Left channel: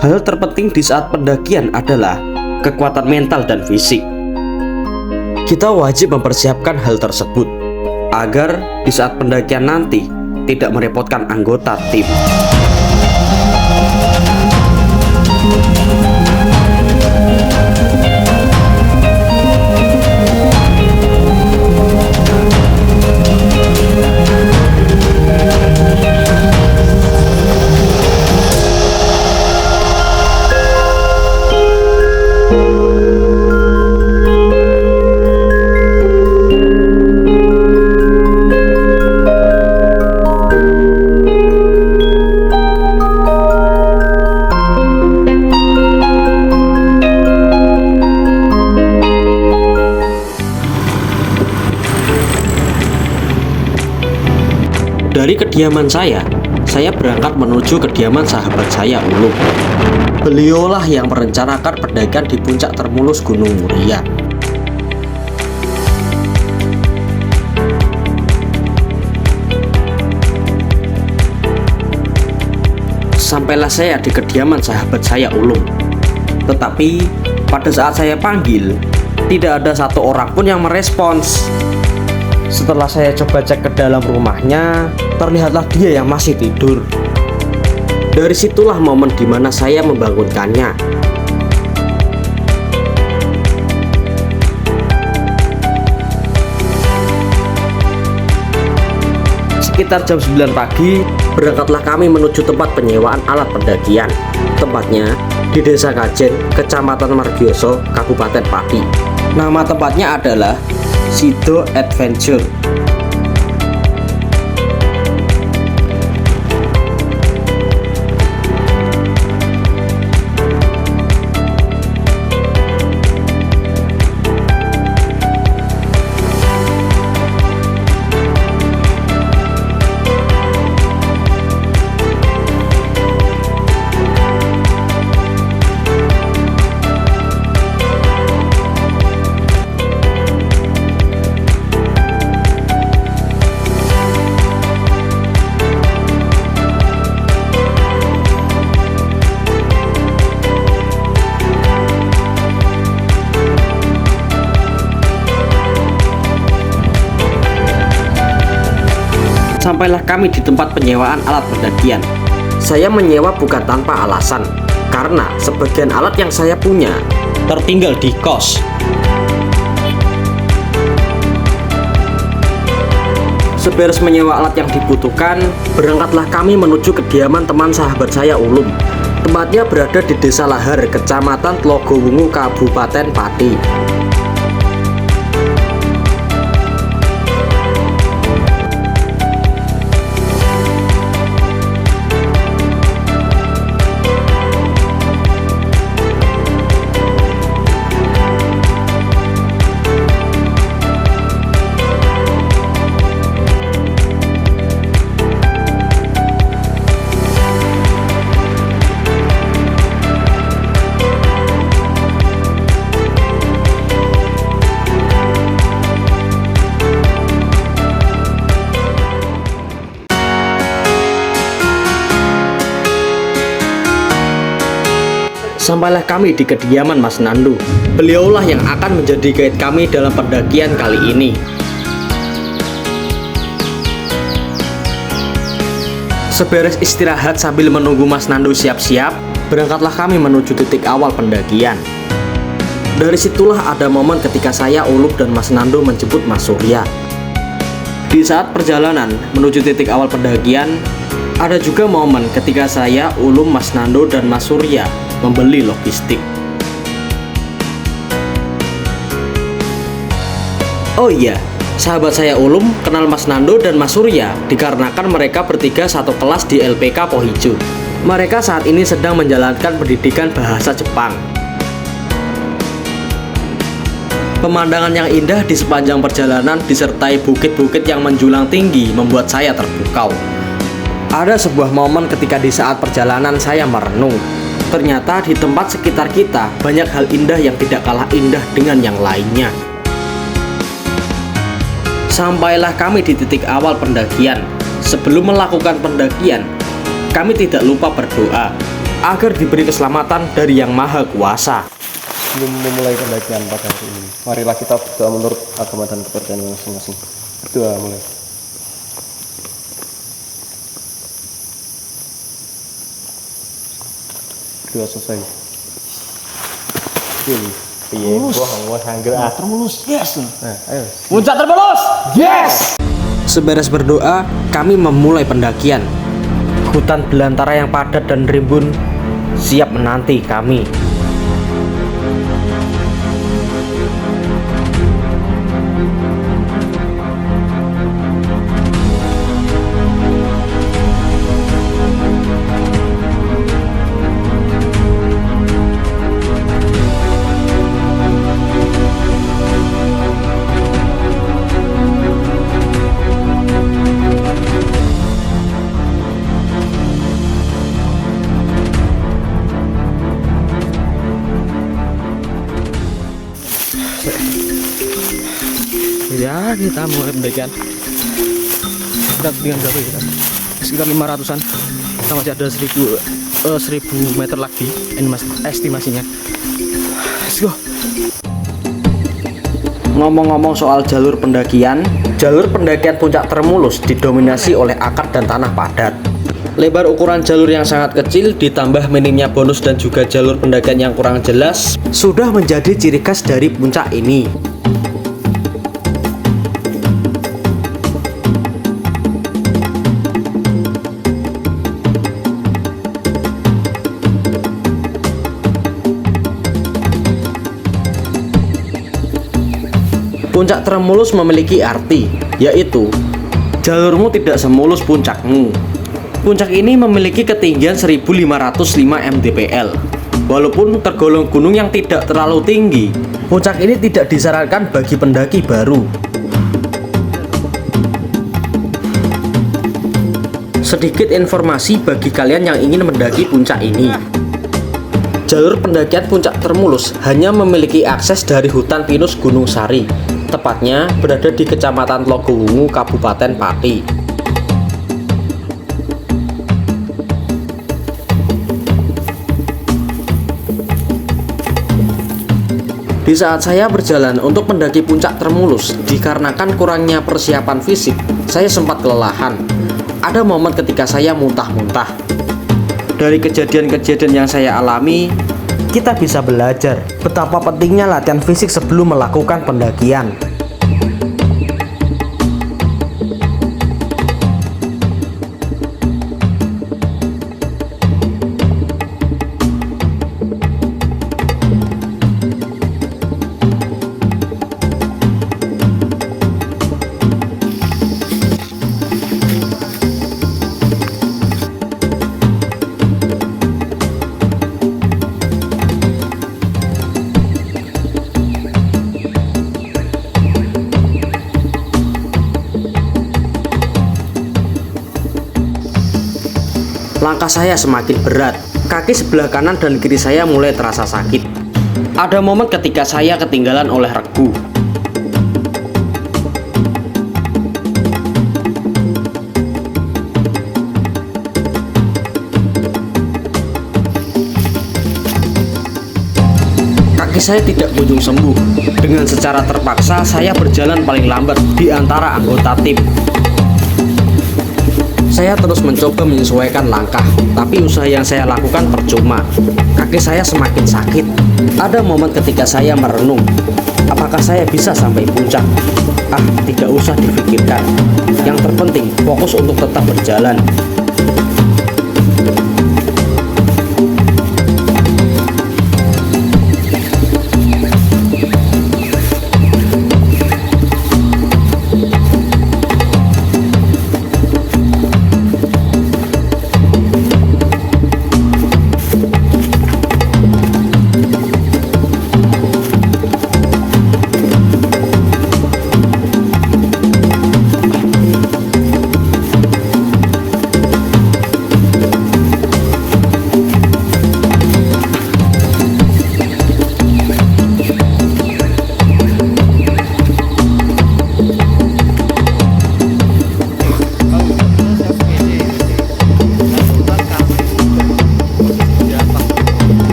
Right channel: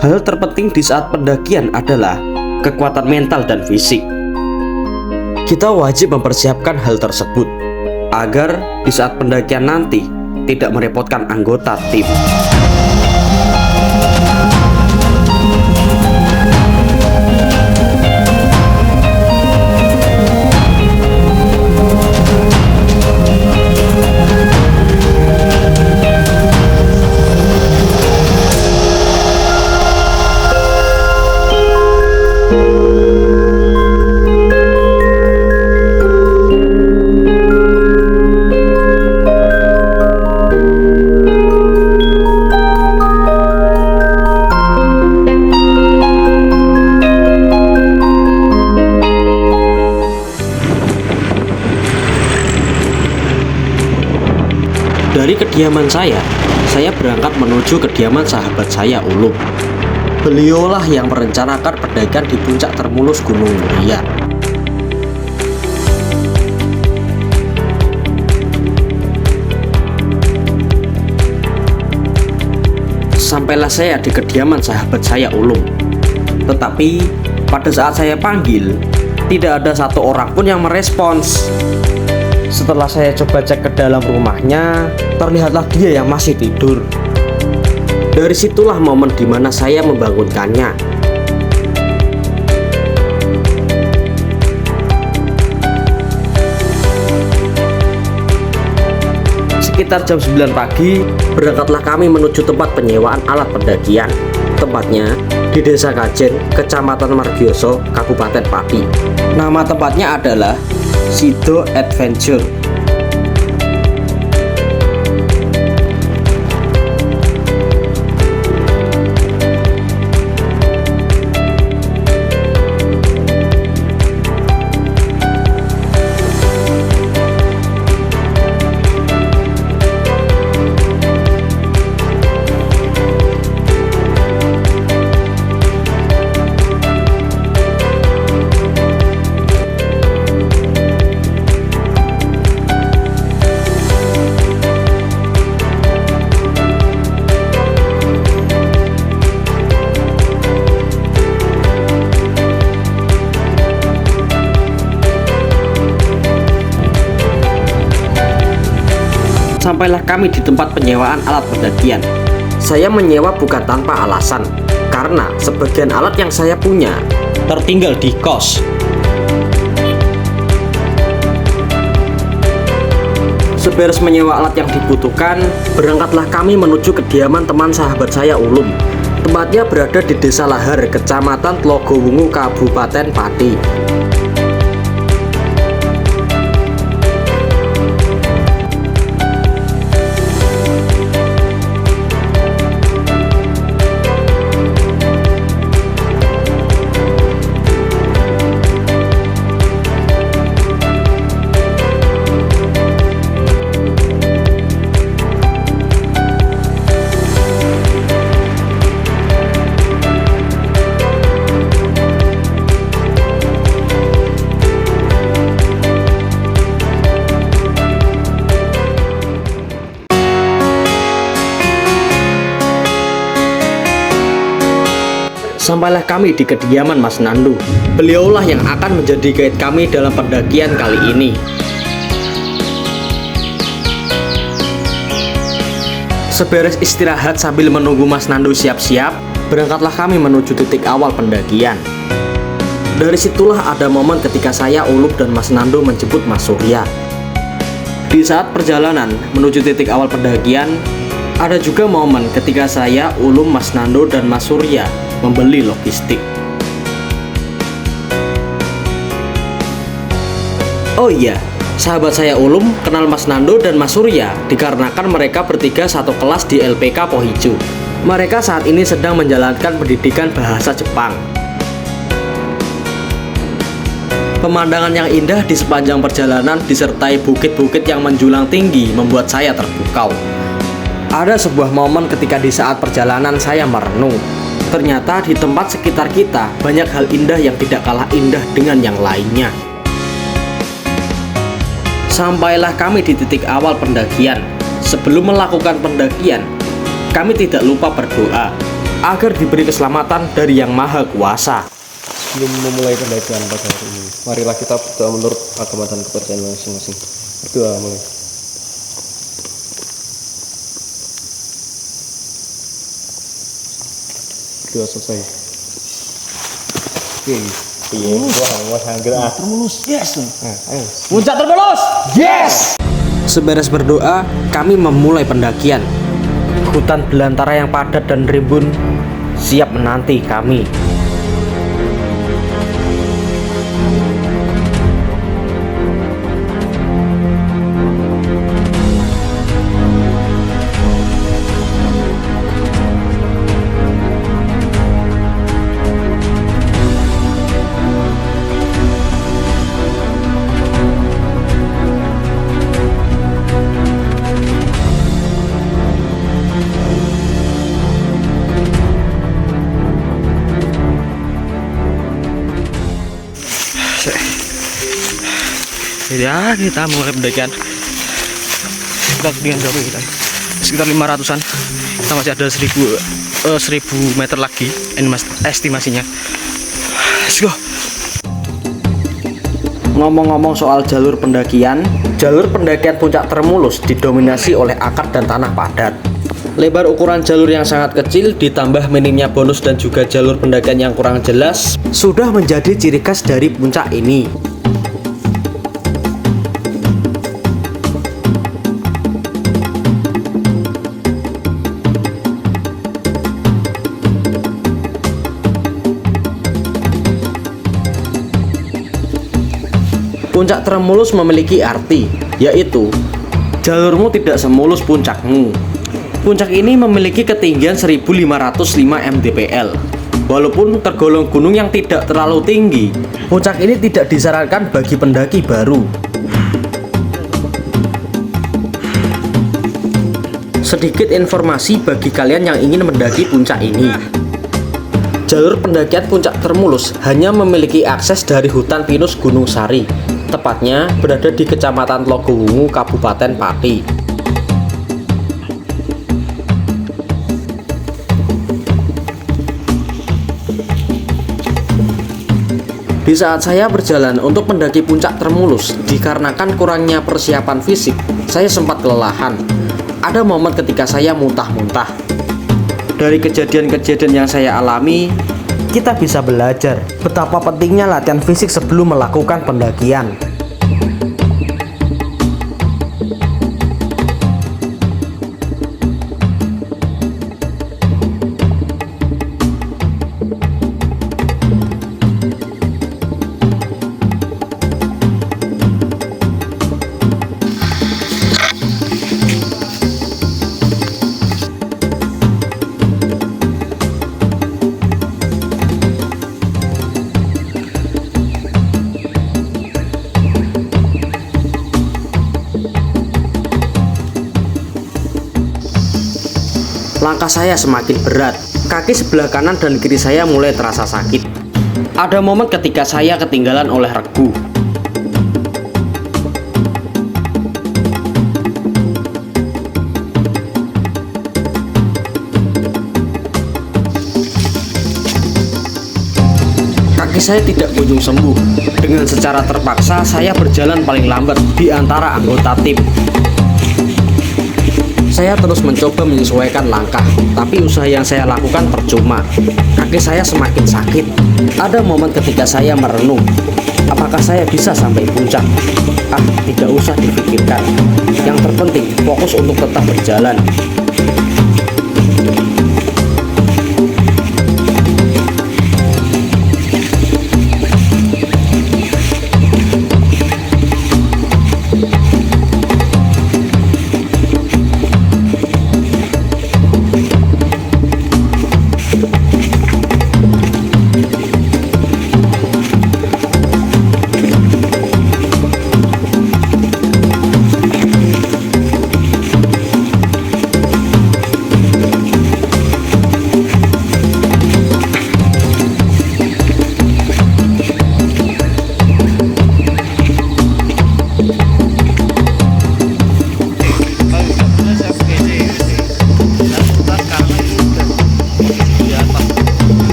Hal terpenting di saat pendakian adalah kekuatan mental dan fisik. Kita wajib mempersiapkan hal tersebut agar di saat pendakian nanti tidak merepotkan anggota tim. Dari kediaman saya berangkat menuju kediaman sahabat saya, Ulum. Beliaulah yang merencanakan pendakian di puncak termulus Gunung Muria. Sampailah saya di kediaman sahabat saya, Ulum. Tetapi pada saat saya panggil, tidak ada satu orang pun yang merespons. Setelah saya coba cek ke dalam rumahnya, terlihatlah dia yang masih tidur. Dari situlah momen dimana saya membangunkannya. Sekitar jam 9 pagi, berangkatlah kami menuju tempat penyewaan alat pendakian. Tempatnya di Desa Kajen, Kecamatan Margioso, Kabupaten Pati. Nama tempatnya adalah Sido Adventure. Sampailah kami di tempat penyewaan alat pendakian. Saya menyewa bukan tanpa alasan, karena sebagian alat yang saya punya tertinggal di kos. Seberes menyewa alat yang dibutuhkan, berangkatlah kami menuju kediaman teman sahabat saya, Ulum. Tempatnya berada di Desa Lahar, Kecamatan Tlogowungu, Kabupaten Pati. Sampailah kami di kediaman Mas Nandu. Beliaulah yang akan menjadi guide kami dalam pendakian kali ini. Seberes istirahat sambil menunggu Mas Nandu siap-siap, berangkatlah kami menuju titik awal pendakian. Dari situlah ada momen ketika saya, Ulum, dan Mas Nandu menjemput Mas Surya. Di saat perjalanan menuju titik awal pendakian, ada juga momen ketika saya, Ulum, Mas Nandu, dan Mas Surya membeli logistik. Oh iya, sahabat saya Ulum kenal Mas Nando dan Mas Surya dikarenakan mereka bertiga satu kelas di LPK Pohijo. Mereka saat ini sedang menjalankan pendidikan bahasa Jepang. Pemandangan yang indah di sepanjang perjalanan disertai bukit-bukit yang menjulang tinggi membuat saya terpukau. Ada sebuah momen ketika di saat perjalanan saya merenung. Ternyata di tempat sekitar kita banyak hal indah yang tidak kalah indah dengan yang lainnya. Sampailah kami di titik awal pendakian. Sebelum melakukan pendakian, kami tidak lupa berdoa. agar diberi keselamatan dari Yang Maha Kuasa. Sebelum memulai pendakian pada hari ini, marilah kita berdoa menurut agama dan kepercayaan masing-masing. Berdoa mulai. Berdoa selesai. Termulus, yes. Ayo. Puncak termulus, yes. Seberes berdoa, kami memulai pendakian. Hutan belantara yang padat dan rimbun siap menanti kami. Ya, kita mulai pendakian. Kita dengan berapa kita? Sekitar 500-an. Kita masih ada 1000 meter lagi estimasinya. Let's go. Ngomong-ngomong soal jalur pendakian puncak Termulus didominasi oleh akar dan tanah padat. Lebar ukuran jalur yang sangat kecil ditambah minimnya bonus dan juga jalur pendakian yang kurang jelas sudah menjadi ciri khas dari puncak ini. Puncak Termulus memiliki arti, yaitu jalurmu tidak semulus puncakmu. Puncak ini memiliki ketinggian 1505 mdpl. Walaupun tergolong gunung yang tidak terlalu tinggi, puncak ini tidak disarankan bagi pendaki baru. Sedikit informasi bagi kalian yang ingin mendaki puncak ini. Jalur pendakian puncak Termulus hanya memiliki akses dari hutan pinus Gunung Sari, tepatnya berada di Kecamatan Logowungu, Kabupaten Pati. Di saat saya berjalan untuk mendaki puncak Termulus, dikarenakan kurangnya persiapan fisik, saya sempat kelelahan. Ada momen ketika saya muntah-muntah. Dari kejadian-kejadian yang saya alami, kita bisa belajar betapa pentingnya latihan fisik sebelum melakukan pendakian. Langkah saya semakin berat, kaki sebelah kanan dan kiri saya mulai terasa sakit. Ada momen ketika saya ketinggalan oleh regu. Kaki saya tidak kunjung sembuh. Dengan secara terpaksa, saya berjalan paling lambat di antara anggota tim. Saya terus mencoba menyesuaikan langkah, tapi usaha yang saya lakukan percuma. Kaki saya semakin sakit. Ada momen ketika saya merenung, apakah saya bisa sampai puncak? Tidak usah difikirkan. Yang terpenting, fokus untuk tetap berjalan.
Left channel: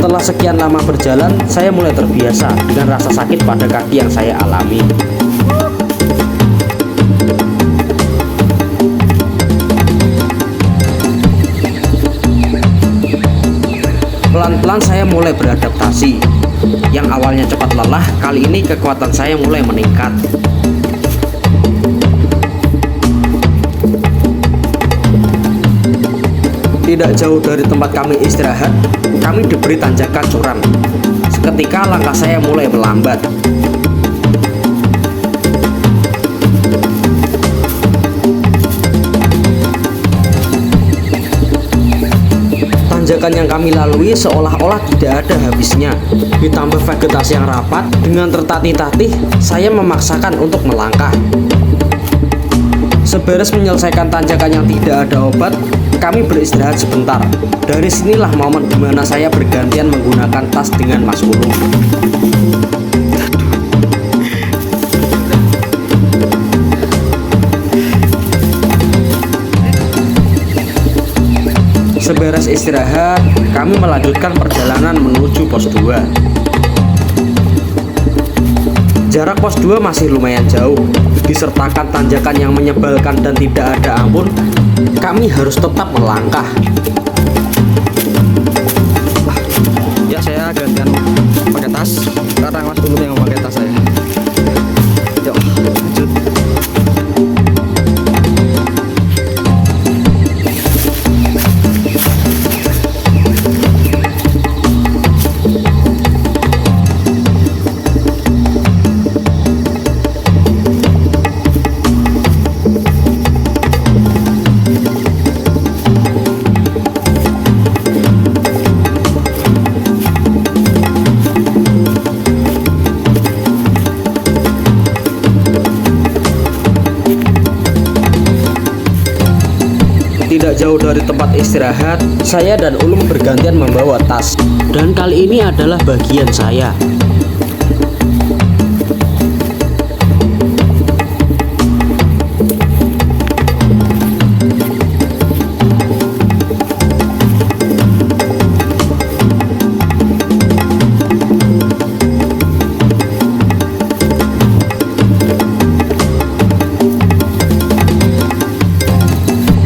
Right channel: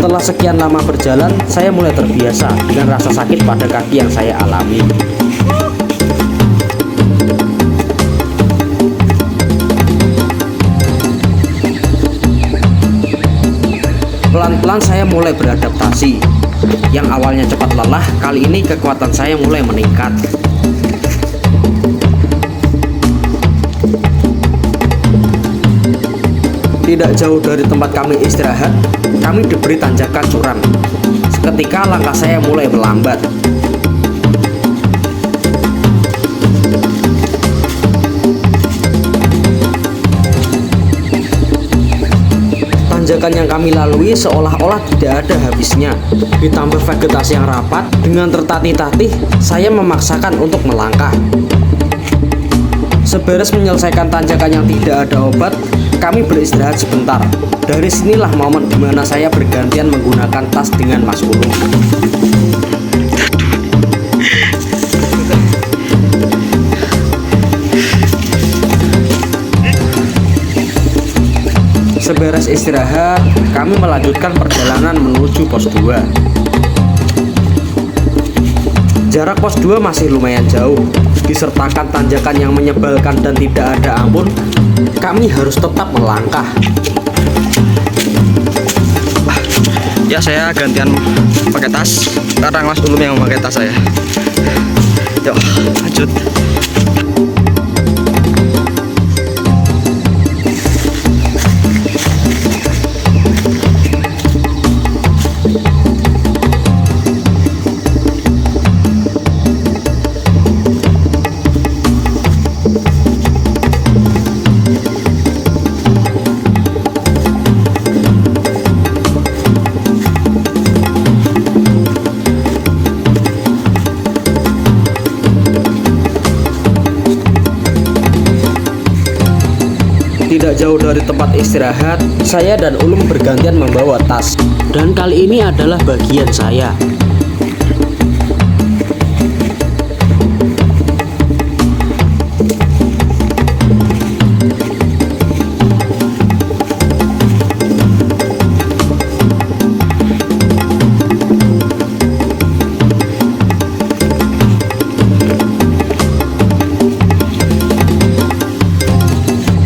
Setelah sekian lama berjalan, saya mulai terbiasa dengan rasa sakit pada kaki yang saya alami. Pelan-pelan saya mulai beradaptasi. Yang awalnya cepat lelah, kali ini kekuatan saya mulai meningkat. Tidak jauh dari tempat kami istirahat, kami diberi tanjakan curam. Seketika langkah saya mulai melambat. Tanjakan yang kami lalui seolah-olah tidak ada habisnya. Ditambah vegetasi yang rapat, dengan tertatih-tatih, saya memaksakan untuk melangkah. Seberes menyelesaikan tanjakan yang tidak ada obat, kami beristirahat sebentar. Dari sinilah momen di mana saya bergantian menggunakan tas dengan Mas Ulum. Seberes istirahat, kami melanjutkan perjalanan menuju pos 2. Jarak pos 2 masih lumayan jauh. Disertakan tanjakan yang menyebalkan dan tidak ada ampun, kami harus tetap melangkah. Ya, saya gantian pakai tas karena Mas Ulum yang memakai tas saya. Yuk, lanjut. Tidak jauh dari tempat istirahat, saya dan Ulum bergantian membawa tas. Dan kali ini adalah bagian saya.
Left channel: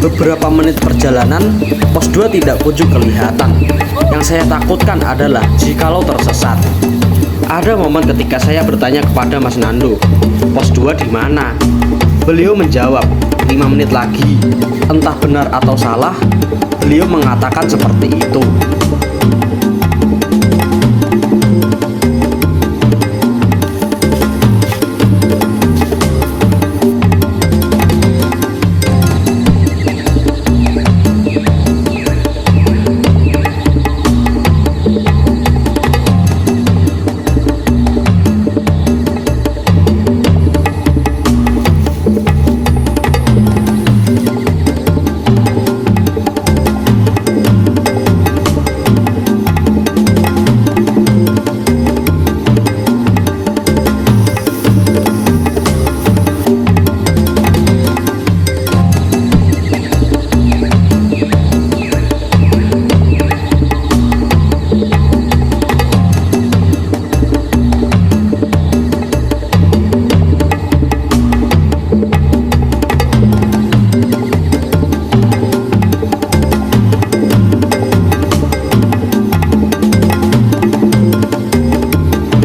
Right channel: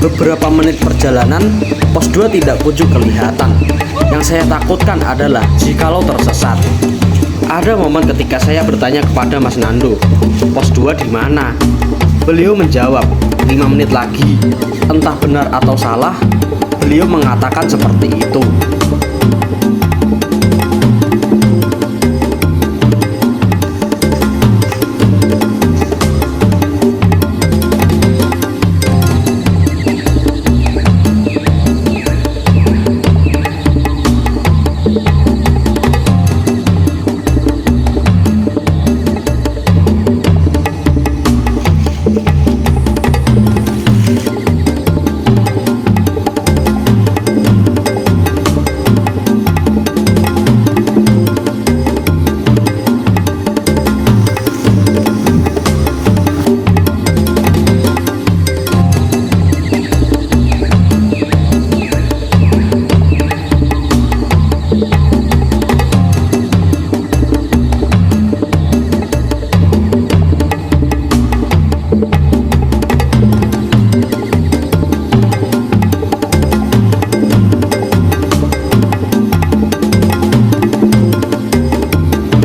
Beberapa menit perjalanan, pos 2 tidak kunjung kelihatan. Yang saya takutkan adalah jikalau tersesat. Ada momen ketika saya bertanya kepada Mas Nando, pos 2 di mana? Beliau menjawab, 5 menit lagi. Entah benar atau salah, beliau mengatakan seperti itu.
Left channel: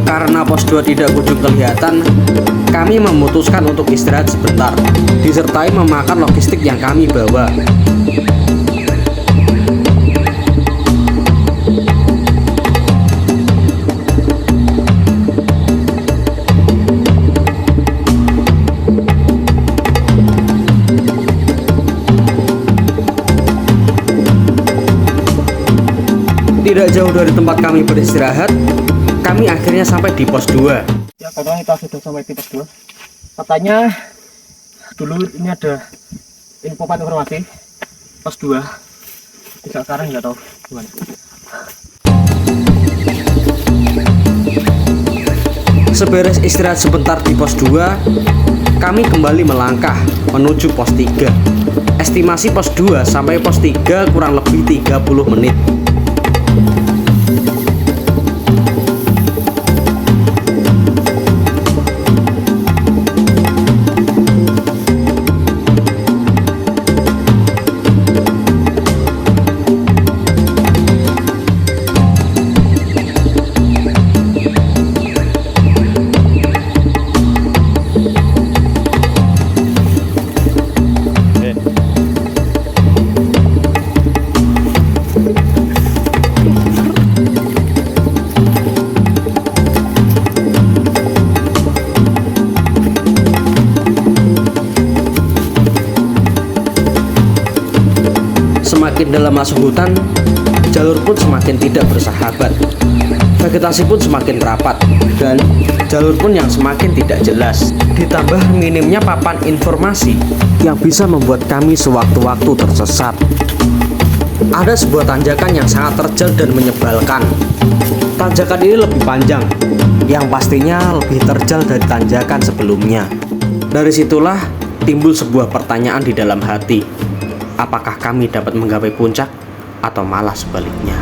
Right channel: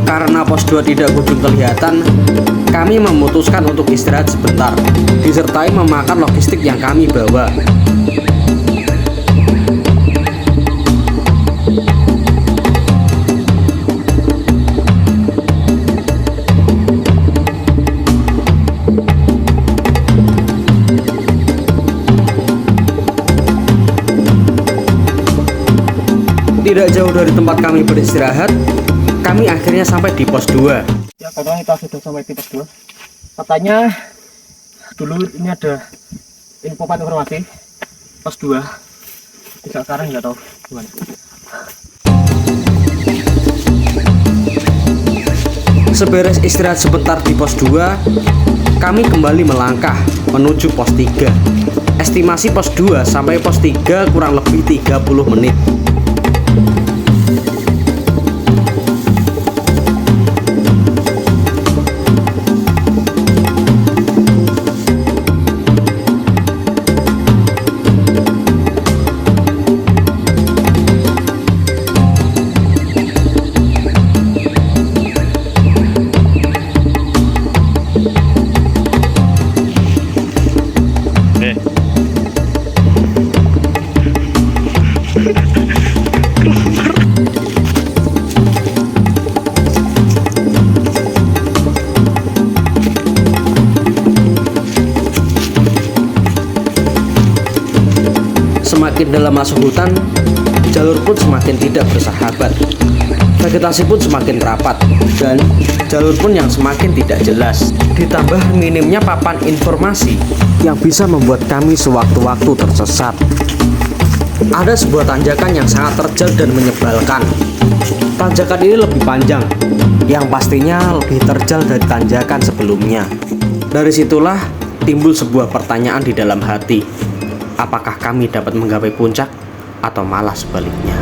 Karena pos 2 tidak kunjung kelihatan, kami memutuskan untuk istirahat sebentar, disertai memakan logistik yang kami bawa. Tidak jauh dari tempat kami beristirahat, kami akhirnya sampai di pos 2. Ya, karena kita sudah sampai di pos 2. Katanya dulu ini ada informasi pos 2. Tidak, sekarang nggak tahu gimana. Seberes istirahat sebentar di pos 2, kami kembali melangkah menuju pos 3. Estimasi pos 2 sampai pos 3 kurang lebih 30 menit. Semakin dalam masuk hutan, jalur pun semakin tidak bersahabat. Vegetasi pun semakin rapat dan jalur pun yang semakin tidak jelas. Ditambah minimnya papan informasi yang bisa membuat kami sewaktu-waktu tersesat. Ada sebuah tanjakan yang sangat terjal dan menyebalkan. Tanjakan ini lebih panjang, yang pastinya lebih terjal dari tanjakan sebelumnya. Dari situlah timbul sebuah pertanyaan di dalam hati. Apakah kami dapat menggapai puncak atau malah sebaliknya?